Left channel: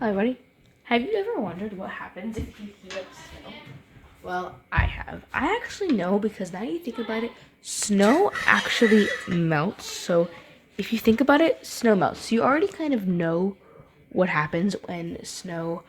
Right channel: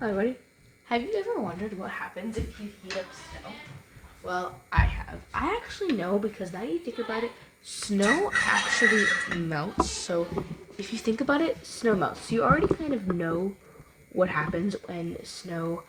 Hi, everybody. Have you ever wondered what happens if you heat up snow? Well, I have. I actually know because now you think about it, snow actually melts. So if you think about it, snow melts. You already kind of know what happens when snow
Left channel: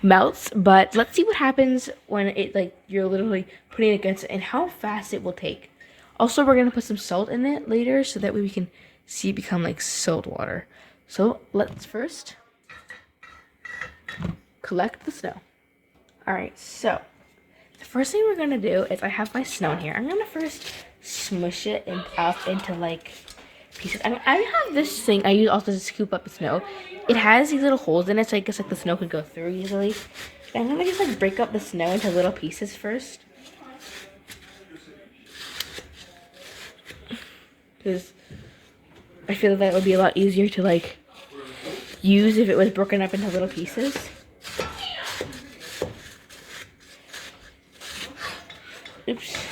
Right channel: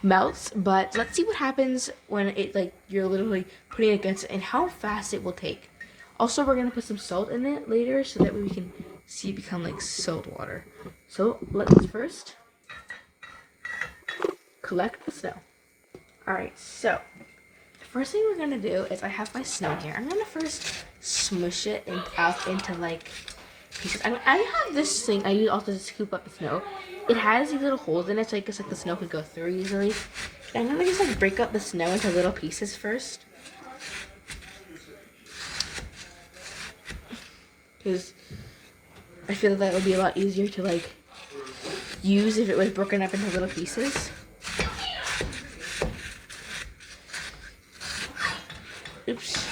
melts, but let's see what happens when it you're literally putting it against it and how fast it will take. Also, we're gonna put some salt in it later so that way we can see it become like salt water. So let's first collect the snow. Alright, so the first thing we're gonna do is I have my snow in here. I'm gonna first smush it up into like pieces. I have this thing I use also to scoop up the snow. It has these little holes in it, so I guess like the snow could go through easily. And I'm gonna just like break up the snow into little pieces first. Because I feel that would be a lot easier to like use if it was broken up into little pieces. Oops.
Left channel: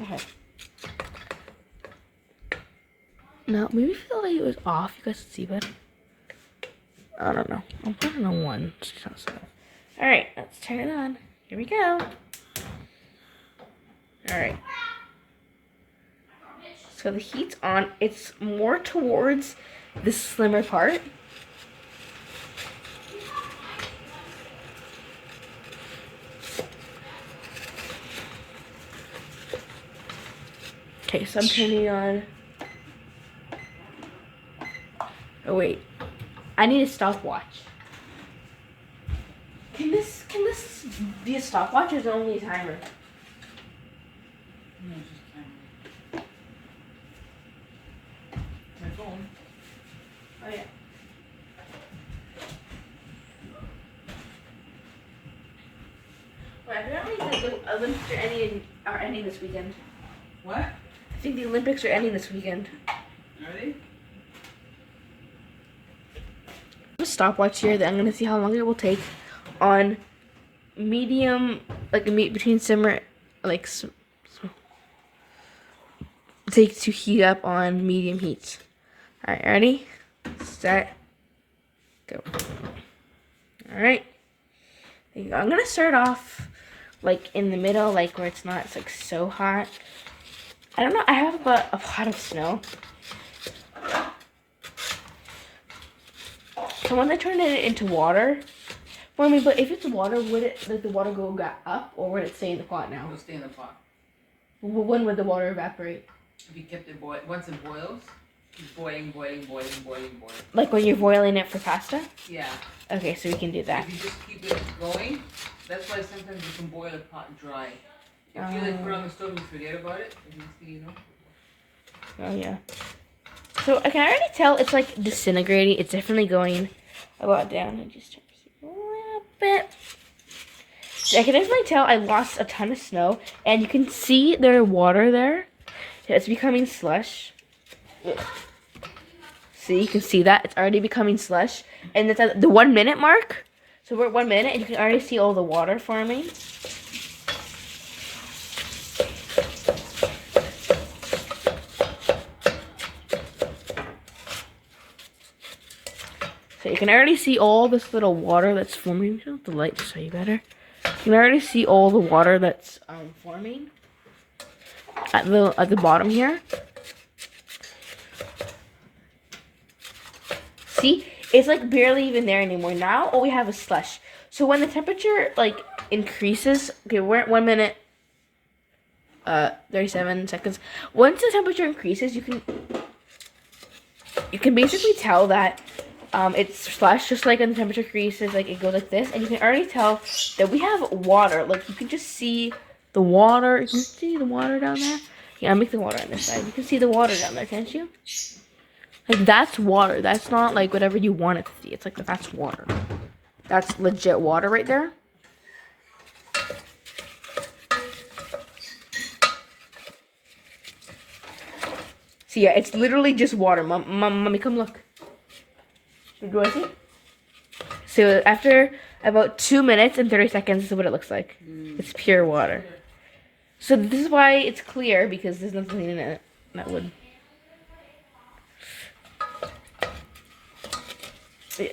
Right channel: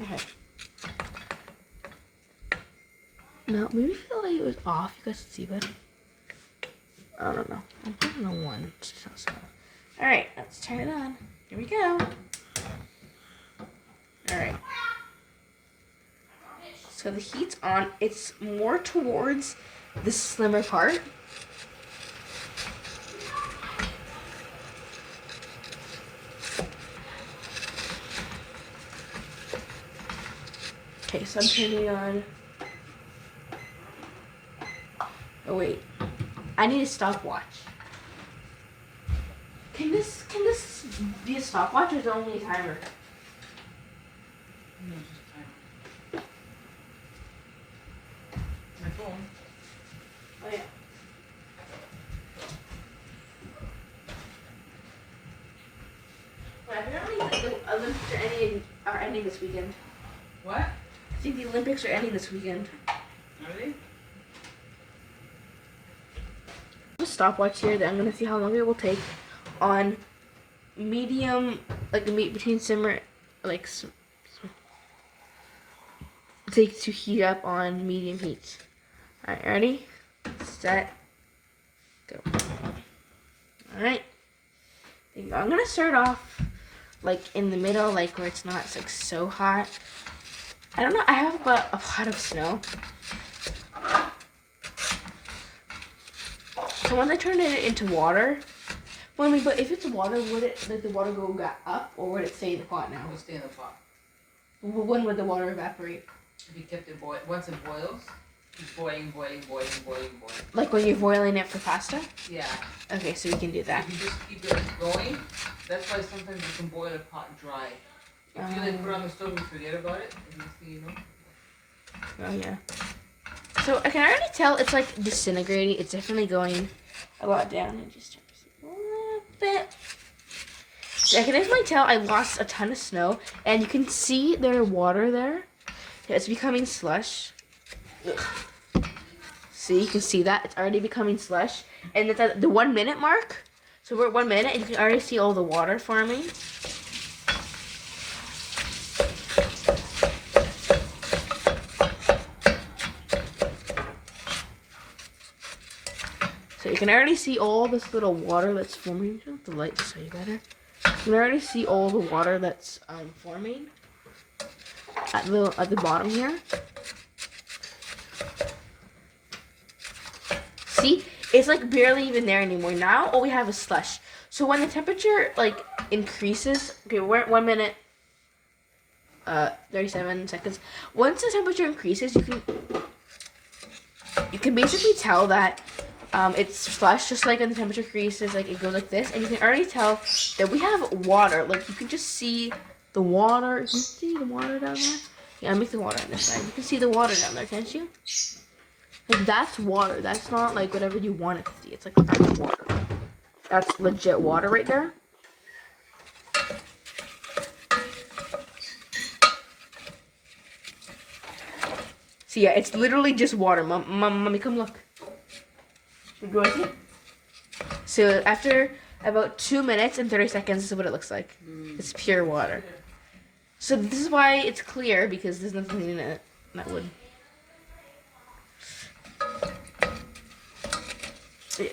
Okay. Now, maybe if the light was off, you guys could see better. I don't know. I'm putting on one. Alright, let's turn it on. Here we go. Alright. So the heat's on. It's more towards the slimmer part. Okay, so I'm turning on. Oh wait, I need a stopwatch. Can this be a stopwatch or is it only a timer? No, just timer. My phone. Oh yeah. Well, apparently the Olympics are ending this weekend. What? I think the Olympics are ending this weekend. Are they? A stopwatch here that I'm gonna see how long it will take on medium, like a meat between simmer, like take to heat up on medium heats. All right, ready, set, go. All right, there you go. I'm gonna start off like in the middle, like where it's not like so hot. I don't know. I have about a lot of snow. So when I turn it into water, well, I mean, but if it's water, would it like the water go up or would it stay in the pot now? It'll stay in the pot. When would the water evaporate? If you kept it once it boils, it's boiling. Like when you're boiling it for pasta? Yeah. Okay, so you can do that. If you just keep it going, that's why sometimes you can boil a pot dry. If you like put it on the stove and forget about it, you know. Oh yeah. So I can already tell it's like disintegrating. It's definitely going a lot down. I just turn a little bit. I can definitely tell I lost a ton of snow, and you can see there's water there. It's becoming slush. Ugh. See, you can see that it's already becoming slush, and it's at the 1 minute mark. So we're at 1 minute, and you can already see all the water forming. So you can already see all this little water that's forming. I'll the light to show you better. You can already see all the water that's forming at the bottom here. See, it's like barely even there anymore. Now all we have is slush. So when the temperature like increases, okay, we're at 1 minute, 37 seconds. Once the temperature increases, you can basically tell that it's flush, just like when the temperature increases, like it goes like this, and you can already tell that we have water. Like you can just see the water. You can see the water down there. Yeah, I'll make the water on this side. You can see the water down there, can't you? Like that's water. That's not like whatever you want it to see. It's like that's water. That's legit water right there. So yeah, it's literally just water. Mommy, come look. Should we go see? So after about 2 minutes and 30 seconds, this is what it looks like. It's pure water. So this is why it's clear, because there's nothing in it that would.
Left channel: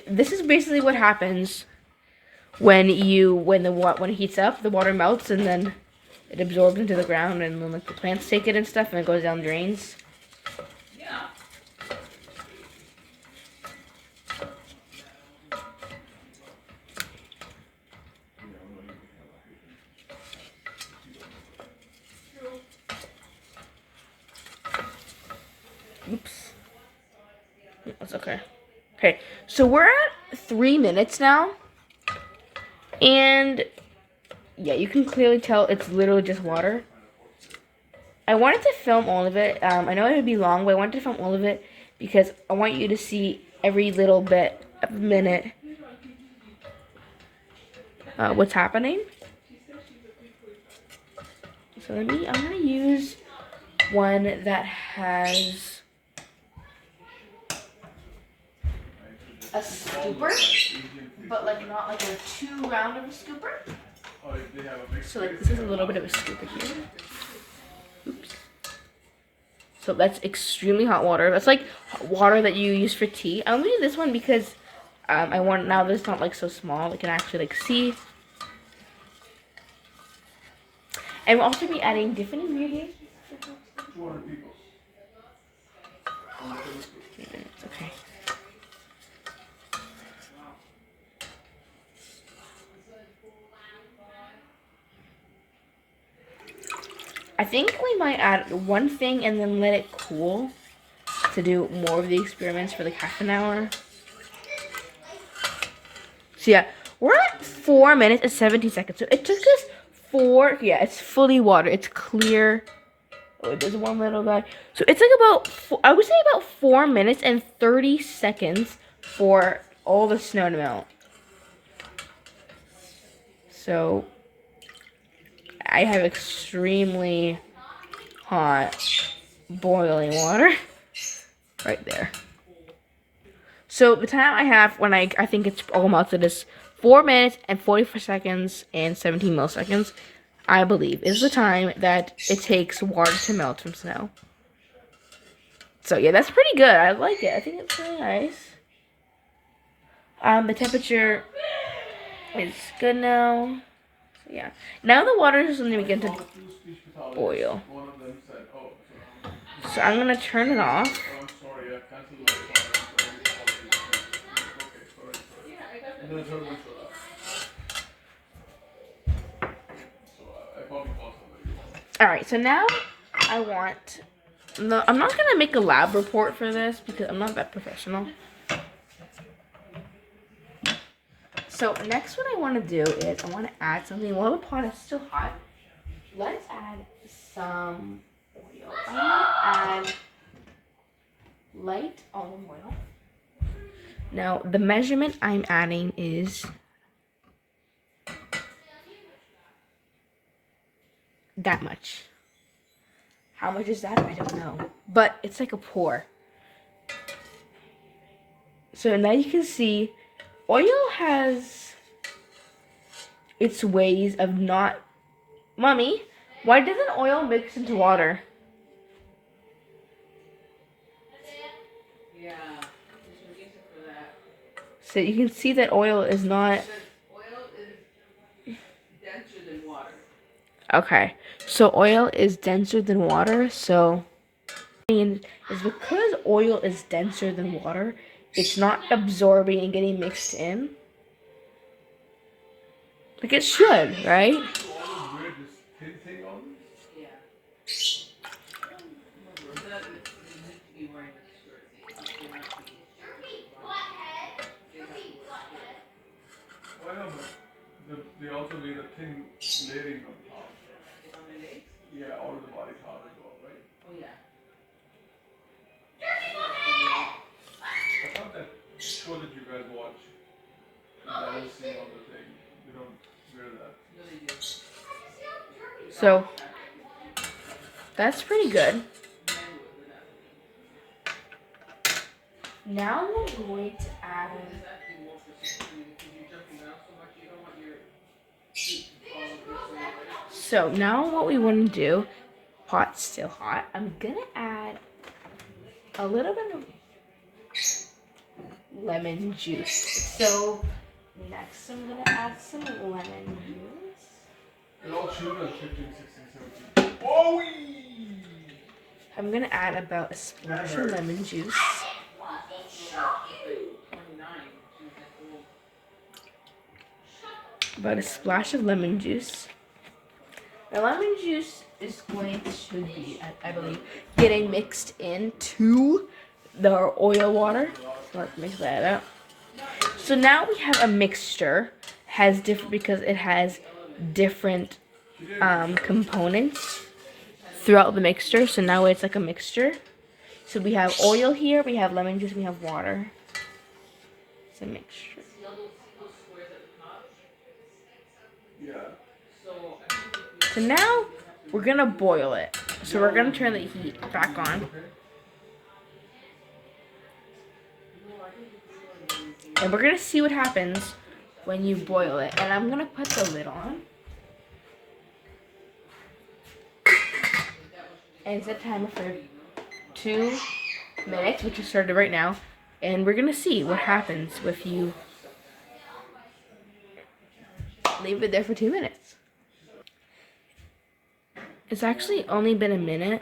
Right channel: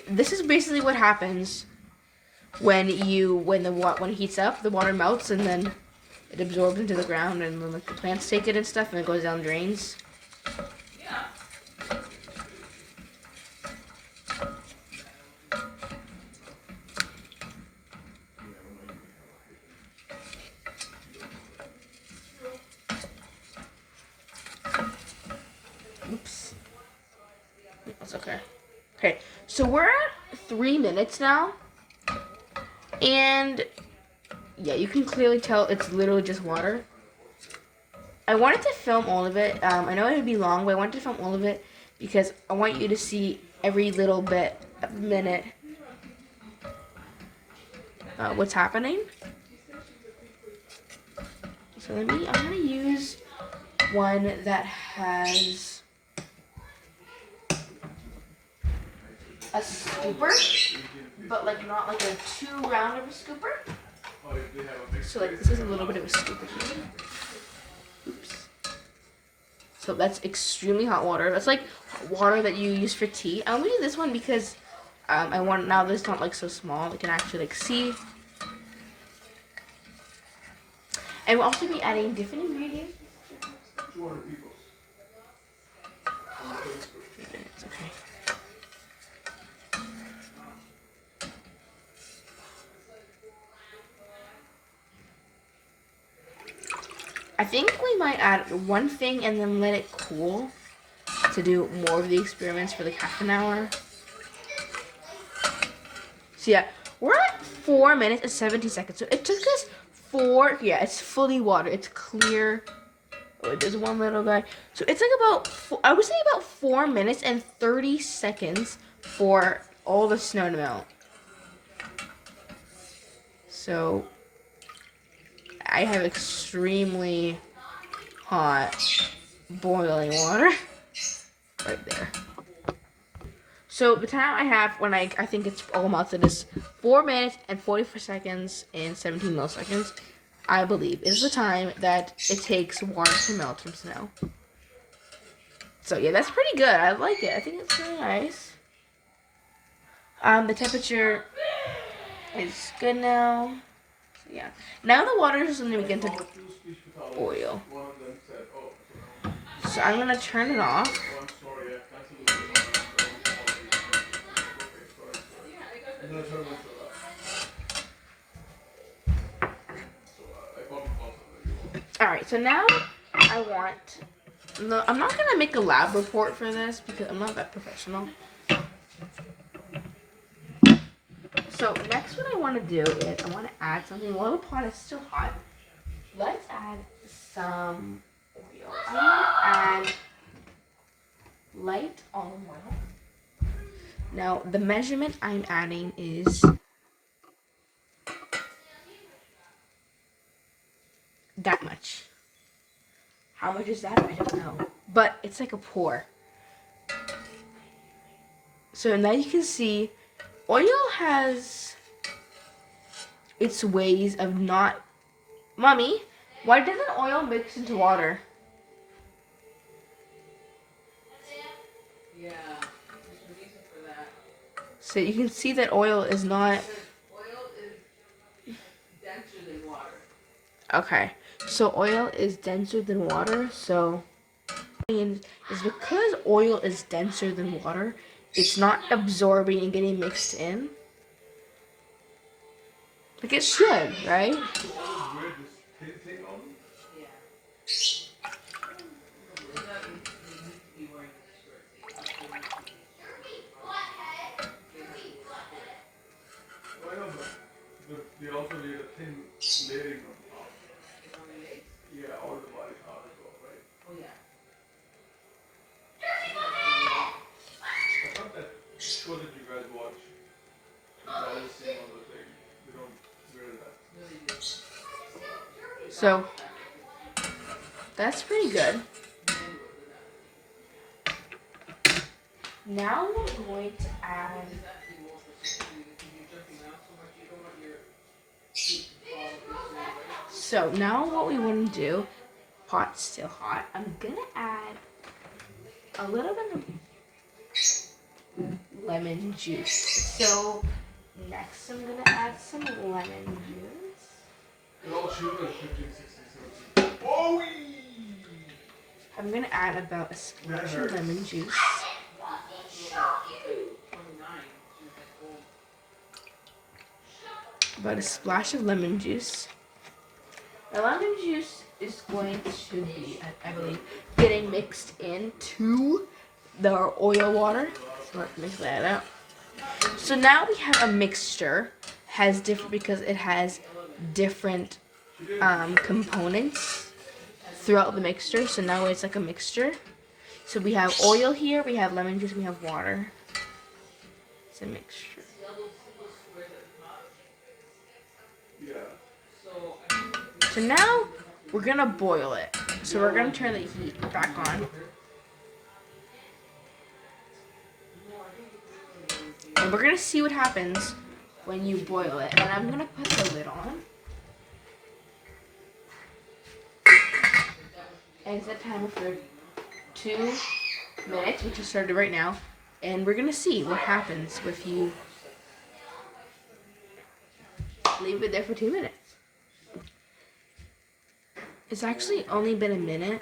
This is basically what happens when it heats up, the water melts and then it absorbs into the ground, and then like the plants take it and stuff, and it goes down drains. Yeah. Oops. That's okay. Okay, so we're at 3 minutes now, and yeah, you can clearly tell it's literally just water. I wanted to film all of it. I know it would be long, but I wanted to film all of it because I want you to see every little bit of a minute what's happening. So I'm gonna use one that has a scooper, but like not like a too round of a scooper. So like this is a little bit of a scooper here. Oops. So that's extremely hot water. That's like water that you use for tea. I'm gonna use this one because I want now that it's not like so small. We can actually like see. And we'll also be adding different ingredients. 200 people. It's okay. I think we might add one thing and then let it cool to do more of the experiments for like half an hour. So yeah, we're at 4 minutes and 17 seconds. So it took us yeah, it's fully water. It's clear. Oh, there's one little guy. So it's like I would say about 4 minutes and 30 seconds for all the snow to melt. So I have extremely hot boiling water right there. So the time I have when I think it's all melted is 4 minutes and 44 seconds and 17 milliseconds, I believe, is the time that it takes water to melt from snow. So yeah, that's pretty good. I like it. I think it's really nice. The temperature is good now. So yeah. Now the water is going to begin to boil. So I'm going to turn it off. Alright, so now I want... No, I'm not going to make a lab report for this because I'm not that professional. So next what I want to do is I want to add something while the pot is still hot. Let's add some oil. I'm going to add light olive oil. Now the measurement I'm adding is that much. How much is that? I don't know. But it's like a pour. So now you can see oil has its ways of not... Mommy, why doesn't oil mix into water? Yeah, there's a reason for that. So you can see that oil is not... Oil is denser than water. Okay, so oil is denser than water, so... is because oil is denser than water, it's not absorbing and getting mixed in. Like it should, right? Yeah. Why not? They also need a thin layering on top. Yeah, all the body top as well, right? Oh yeah. I thought that show that you guys watch, the guys sing on the thing, you don't wear that. So, that's pretty good. Now we're going to add... So now what we want to do, pot's still hot, I'm going to add a little bit of lemon juice. So next I'm gonna add some lemon juice. And all children are 15, 16, 17. Oh! I'm gonna add about a splash of lemon juice. About a splash of lemon juice. The lemon juice is going to be, I believe, getting mixed into the oil water. So let's mix that up. So now we have a mixture. Has different because it has different components throughout the mixture. So now it's like a mixture. So we have oil here, we have lemon juice, we have water. It's a mixture. Yeah. So now we're gonna boil it. So we're gonna turn the heat back on. And we're gonna see what happens when you boil it. And I'm gonna put the lid on. And set timer for 2 minutes, which is started right now. And we're gonna see what happens if you leave it there for 2 minutes. It's actually only been a minute.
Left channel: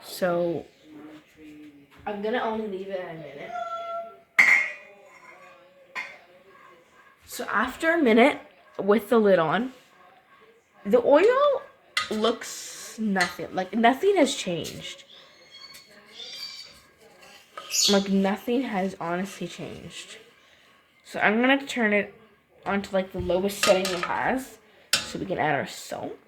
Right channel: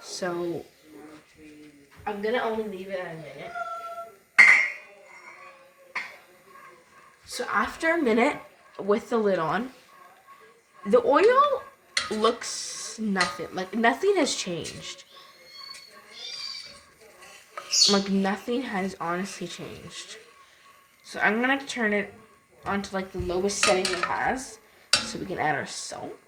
So I'm gonna only leave it at a minute. So after a minute with the lid on, the oil looks nothing. Like nothing has changed. Like nothing has honestly changed. So I'm gonna turn it onto like the lowest setting it has, so we can add our salt.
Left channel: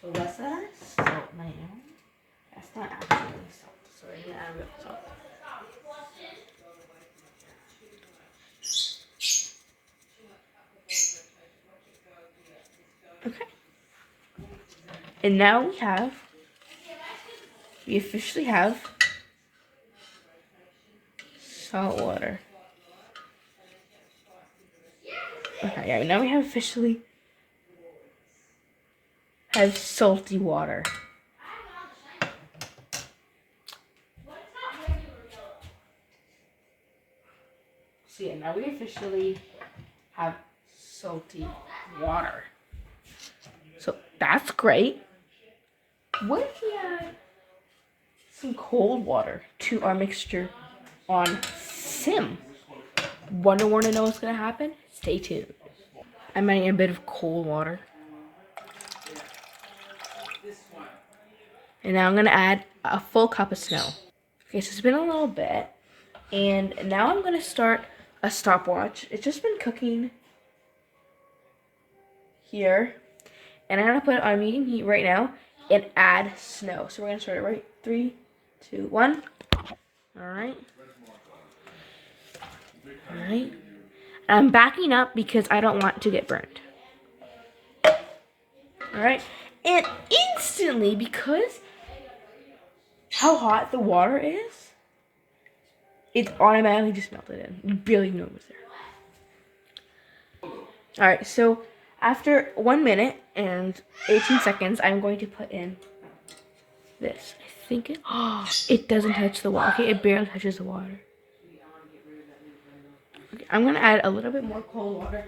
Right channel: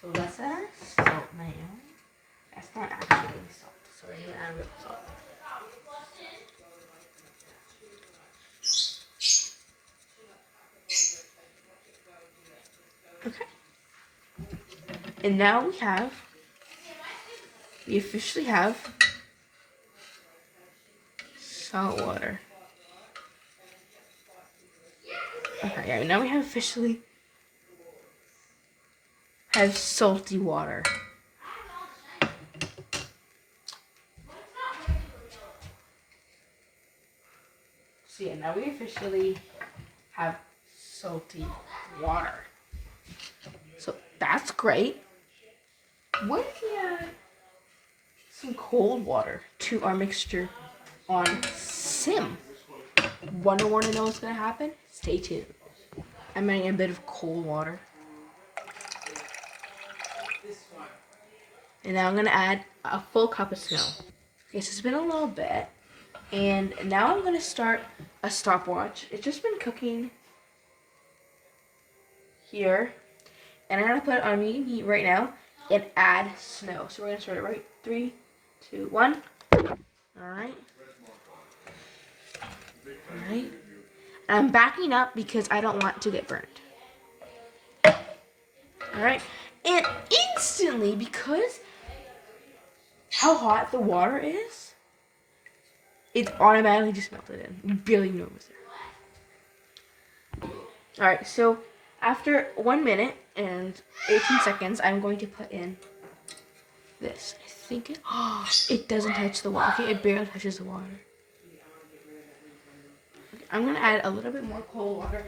So let's add our salt now. That's not actually salt. So we're gonna add real salt. Okay. And now we officially have salt water. Okay, yeah, now we have officially have salty water. So yeah, now we officially have salty water. So that's great. What if we add some cold water to our mixture on sim? Want to know what's gonna happen? Stay tuned. I'm adding a bit of cold water. And now I'm gonna add a full cup of snow. Okay, so it's been a little bit. And now I'm gonna start a stopwatch. It's just been cooking here. And I'm gonna put it on medium heat right now and add snow. So we're gonna start it right. 3, 2, 1. Alright. Alright. And I'm backing up because I don't want to get burned. Alright. And instantly, because how hot the water is, it's automatically just melted in. You barely know it was there. Alright, so after 1 minute and 18 seconds, I'm going to put in this. I think it doesn't touch the water. Okay, it barely touches the water. Okay, I'm going to add a little bit more cold water.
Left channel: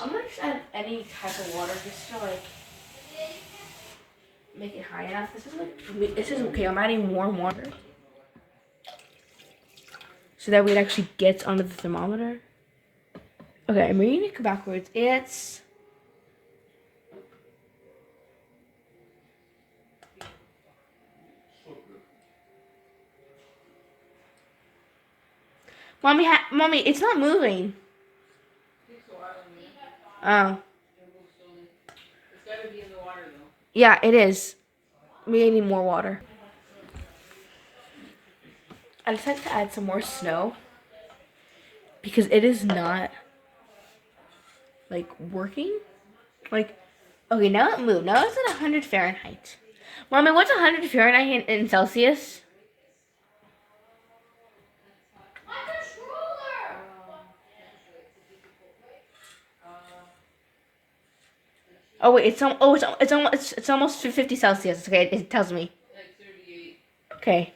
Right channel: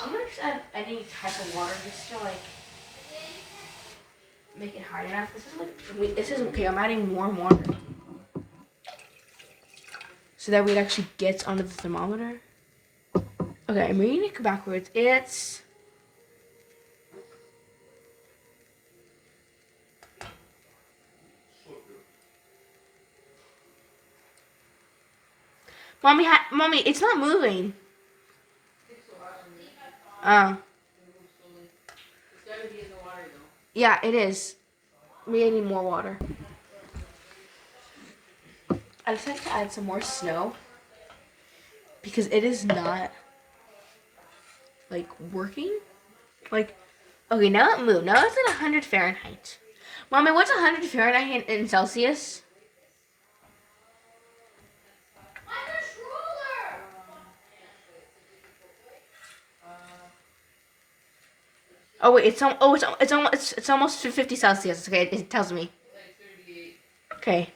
I'm going to just add any type of water just to like make it high enough. This is okay. I'm adding warm water. So that way it actually gets under the thermometer. Okay, I'm reading it backwards. It's Mommy, it's not moving. Oh. It's gotta be in the water though. Yeah, it is. We need more water. I decided to add some more snow because it is not like working. Like, okay, now it moved. Now it's at 100 Fahrenheit. Mommy, what's 100 Fahrenheit in Celsius? Oh wait, it's almost 50 Celsius. Okay, it tells me. Like 38. Okay,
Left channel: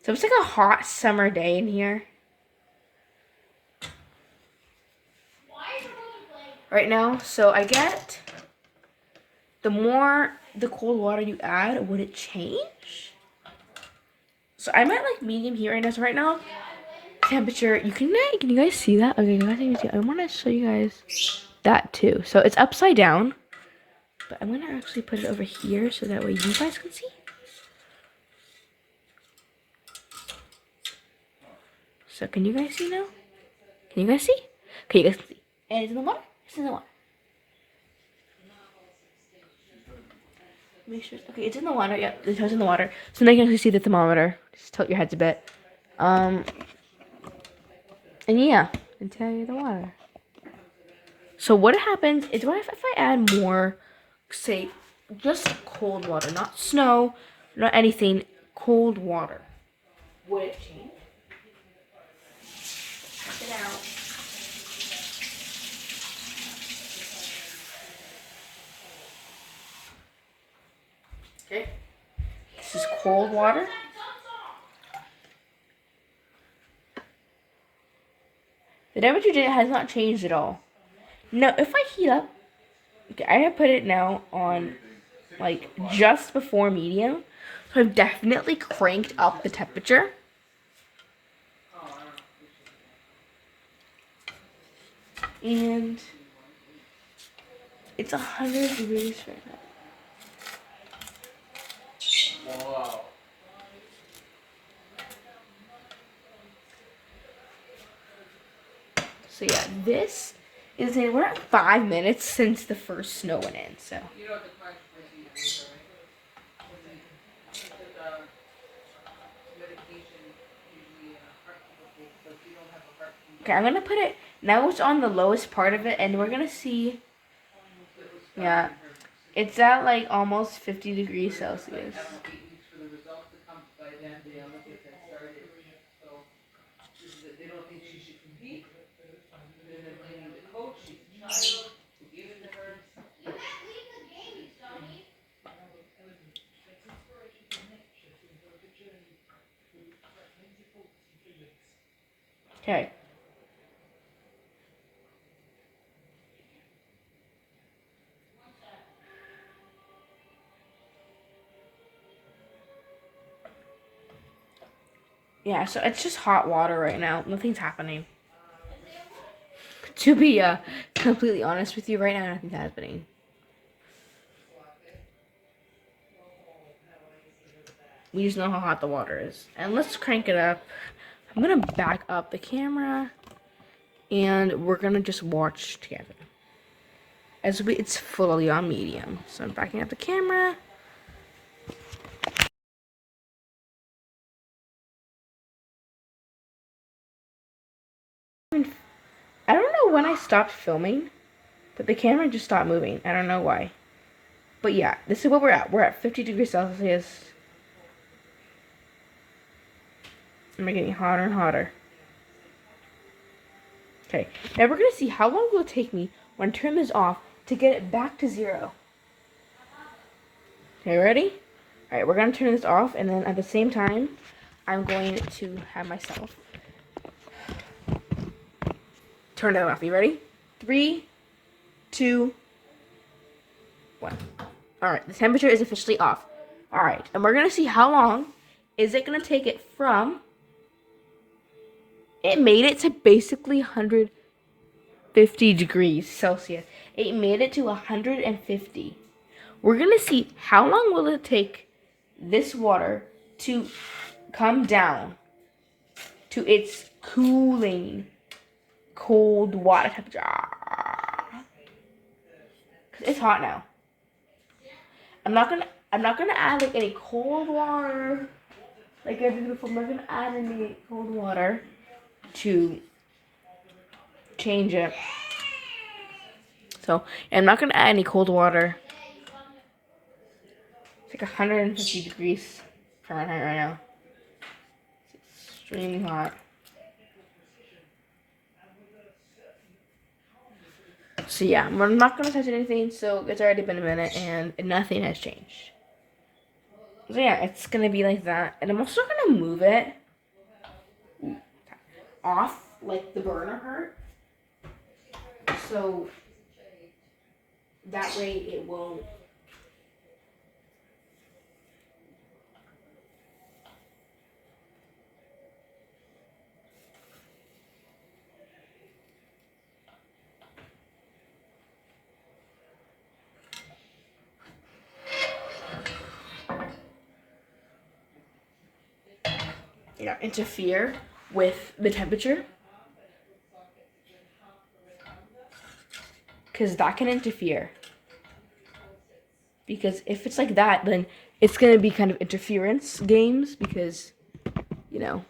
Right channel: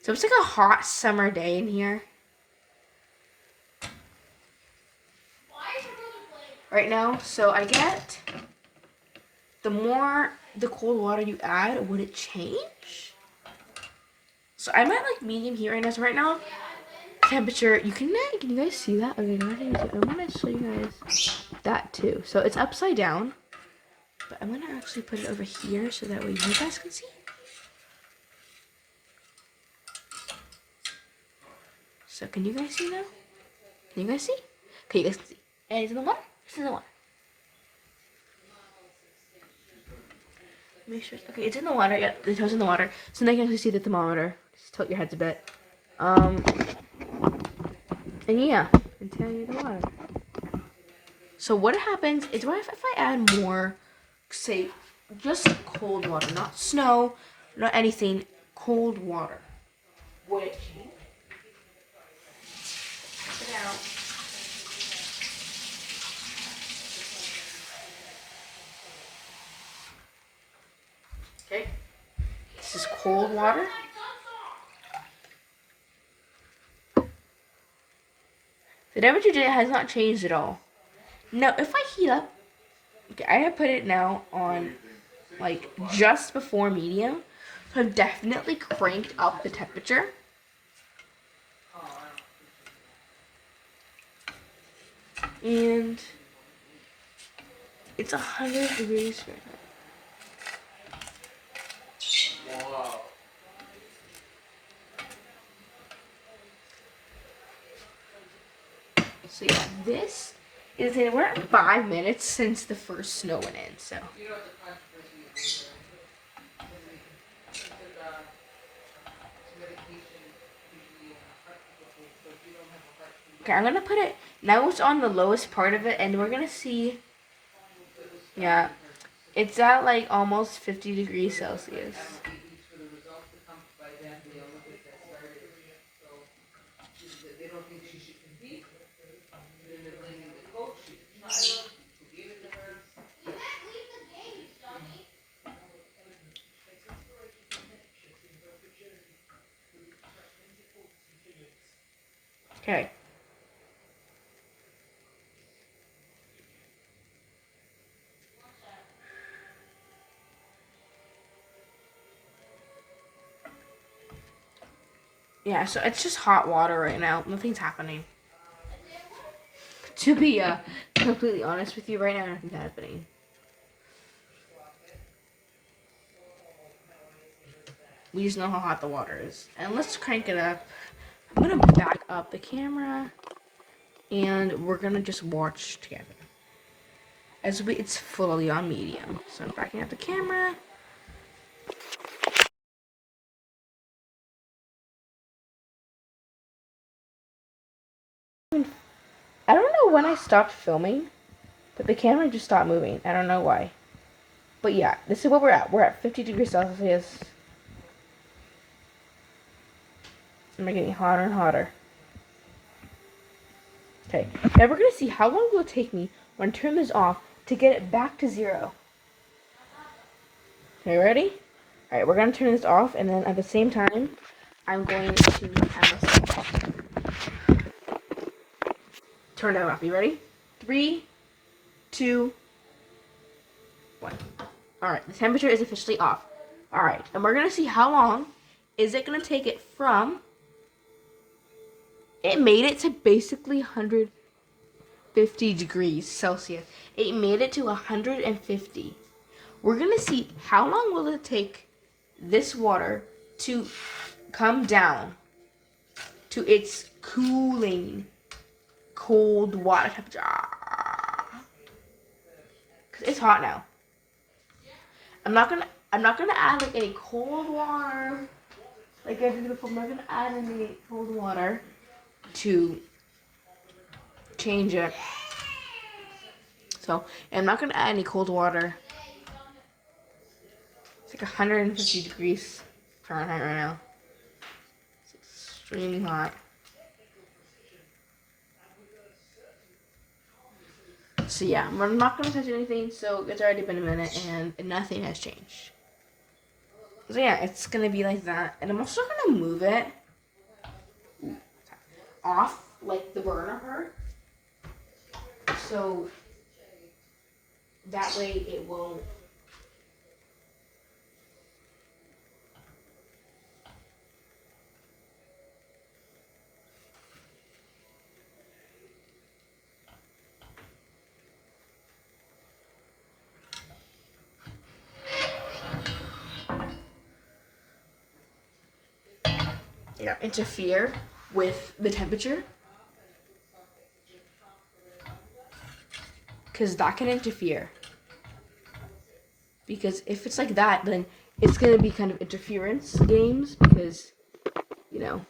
so it's like a hot summer day in here right now. So I get the more the cold water you add, would it change? So I'm at like medium here right now. So right now, temperature. Can you guys see that? Okay, I want to show you guys that too. So it's upside down, but I'm gonna actually put it over here so that way you guys can see. So can you guys see now? Can you guys see? Okay, you guys can see. And it's in the water. It's in the water. Make sure. Okay, it's in the water. Yeah, the toe's in the water. So now you can actually see the thermometer. Just tilt your heads a bit. And yeah, and tell you the water. So what happens is, what if I add more, say, just cold water, not snow, not anything, cold water? Would it change? Check it out. Okay. This is cold water. The temperature has not changed at all. Now, if I heat up, okay, I have put it now on like just before medium, so I've definitely cranked up the temperature. And it's 100 degrees Fahrenheit. Wow. So yeah, this is it. We're at 5 minutes since the first snow went in. So You know what the consequences is, right? Medication usually heart palpitations, but if you don't have a heart okay, I'm gonna put it now. It's on the lowest part of it, and we're gonna see. Yeah, it's at like almost 50 degrees Celsius. 8 weeks for the results to come by then the Olympics have started. So they don't think she should compete. Then they're blaming the coach, she's a child, who gave it to her. Okay. Yeah, so it's just hot water right now. Nothing's happening. To be completely honest with you, right now nothing's happening. We just know how hot the water is. And let's crank it up. I'm gonna back up the camera and we're gonna just watch together. It's fully on medium. So I'm backing up the camera. I don't know when I stopped filming, but the camera just stopped moving. I don't know why. But yeah, this is what we're at. We're at 50 degrees Celsius. And we're getting hotter and hotter. Okay, now we're gonna see how long will it take me when I turn this off to get it back to 0. Okay, ready? Alright, we're gonna turn this off, and then at the same time, I'm going to add myself. Turn that off. You ready? 3, 2, 1. Alright, the temperature is officially off. Alright, and we're gonna see how long is it gonna take it from. It made it to basically 150 degrees Celsius. It made it to 150. We're gonna see how long will it take this water to come down to its cooling cold water temperature. 'Cause it's hot now. I'm not gonna add like any cold water like I did before. I'm not gonna add any cold water to change it. So I'm not gonna add any cold water. It's like 150 degrees Fahrenheit right now. It's extremely hot. So yeah, we're not gonna touch anything. So it's already been a minute and nothing has changed. So yeah, it's gonna be like that, and I'm also gonna move it off like the burner part, so that way it won't. Interfere with the temperature, because that can interfere. Because if it's like that, then it's gonna be kind of interference games, because yeah,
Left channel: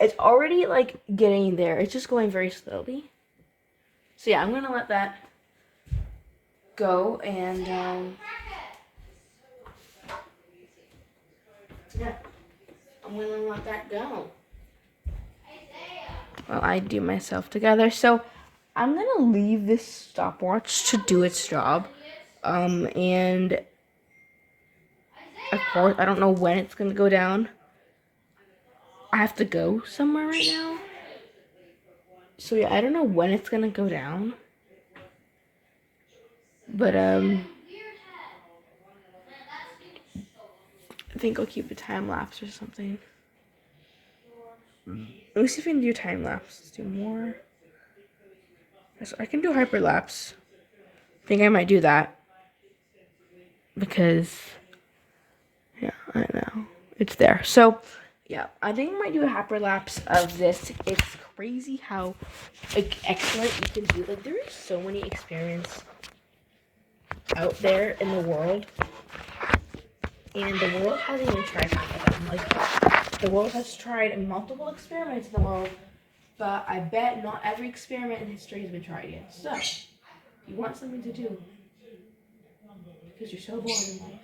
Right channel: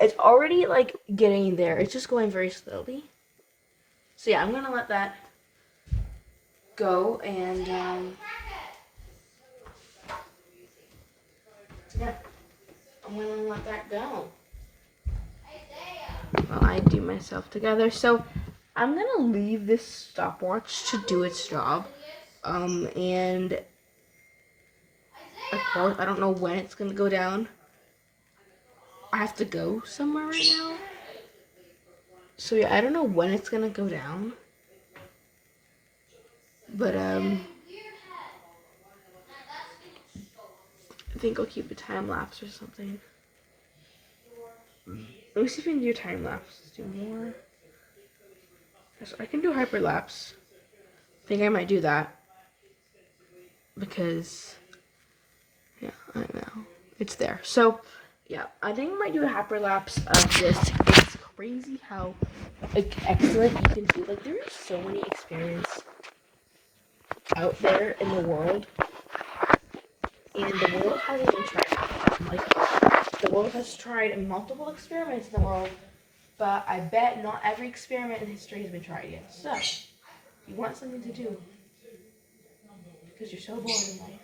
it's already like getting there. It's just going very slowly. So yeah, I'm gonna let that go, and yeah, I'm gonna let that go. Well, I do myself together. So I'm gonna leave this stopwatch to do its job. And of course, I don't know when it's gonna go down. I have to go somewhere right now. So yeah, I don't know when it's gonna go down. But I think I'll keep a time lapse or something. Let me see if I can do time lapse. Let's do more. I can do hyperlapse. I think I might do that. Because yeah, I know. It's there. So yeah, I think I might do a hyperlapse of this. It's crazy how excellent you can do. Like, there are so many experiments out there in the world, and the world hasn't even tried half of them. Like, the world has tried multiple experiments in the world, but I bet not every experiment in history has been tried yet. So, you want something to do, because you're so bored in life,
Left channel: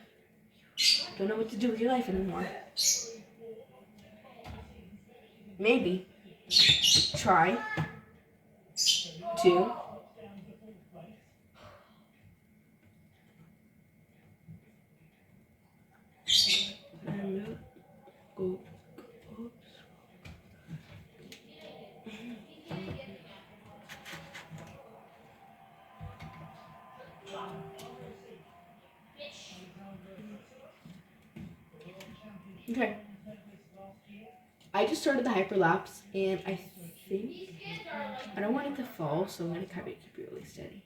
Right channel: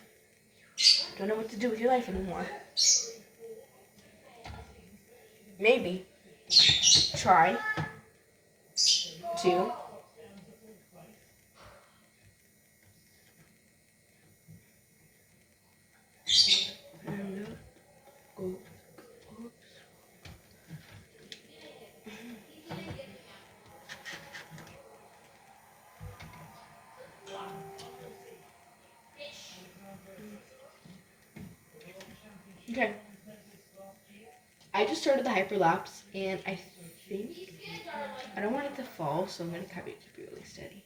don't know what to do with your life anymore. Maybe try to okay. I just started the hyperlapse, and I think I don't want it to fall, so I'm gonna keep it really steady.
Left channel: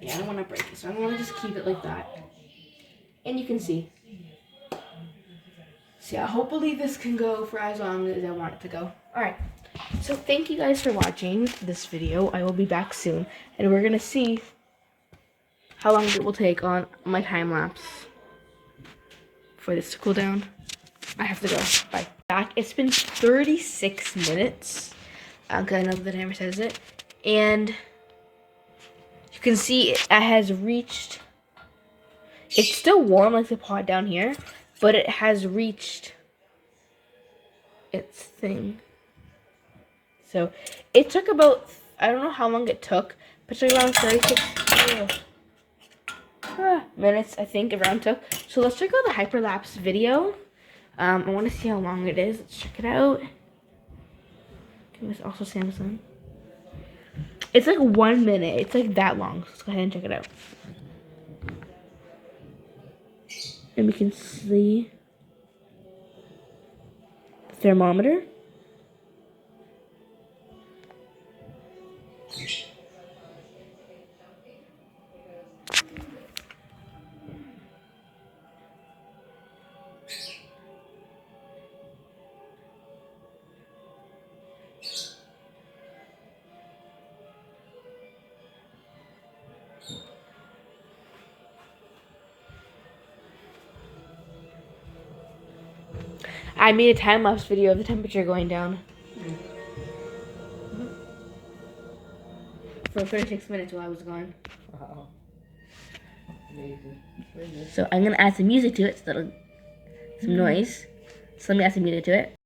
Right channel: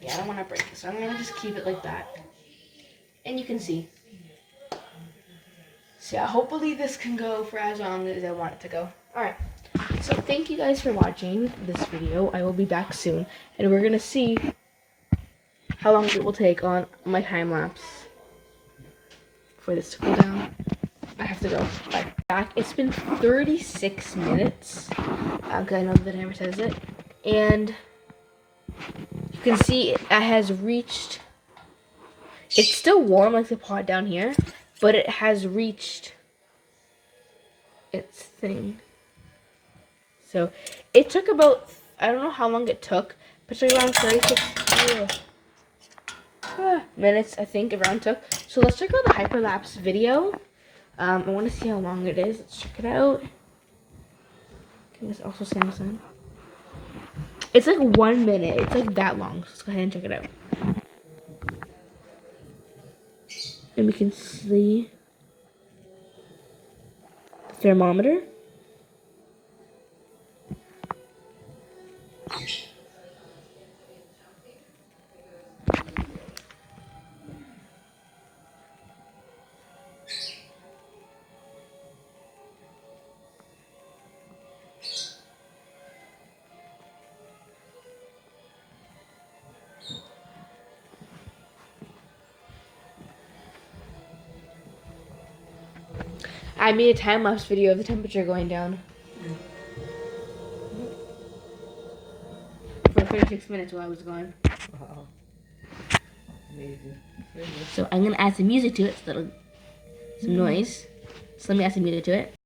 Yeah, I don't want to break it, so I'm gonna just keep it like that. And you can see. So yeah, hopefully this can go for as long as I want it to go. Alright, so thank you guys for watching this video. I will be back soon, and we're gonna see how long it will take on my time lapse for this to cool down. I have to go. Bye. Back. It's been 36 minutes. Because I know the timer says it. And you can see it has reached. It's still warm like the pot down here, but it has reached its thing. So it took about, I don't know how long it took, but it took around 36 minutes, I think, around took. So let's check out the hyperlapse video. I want to see how long it is. Let's check it out. Okay, it's also Samsung. It's like 1 minute. It's like that long. So let's go ahead and check it out. And we can see the thermometer. I made a time-lapse video of the temperature going down. For 36 minutes while I was gone. Wow. Amazing. So I'm going to add some music to it, some noise. So let me add some music to it.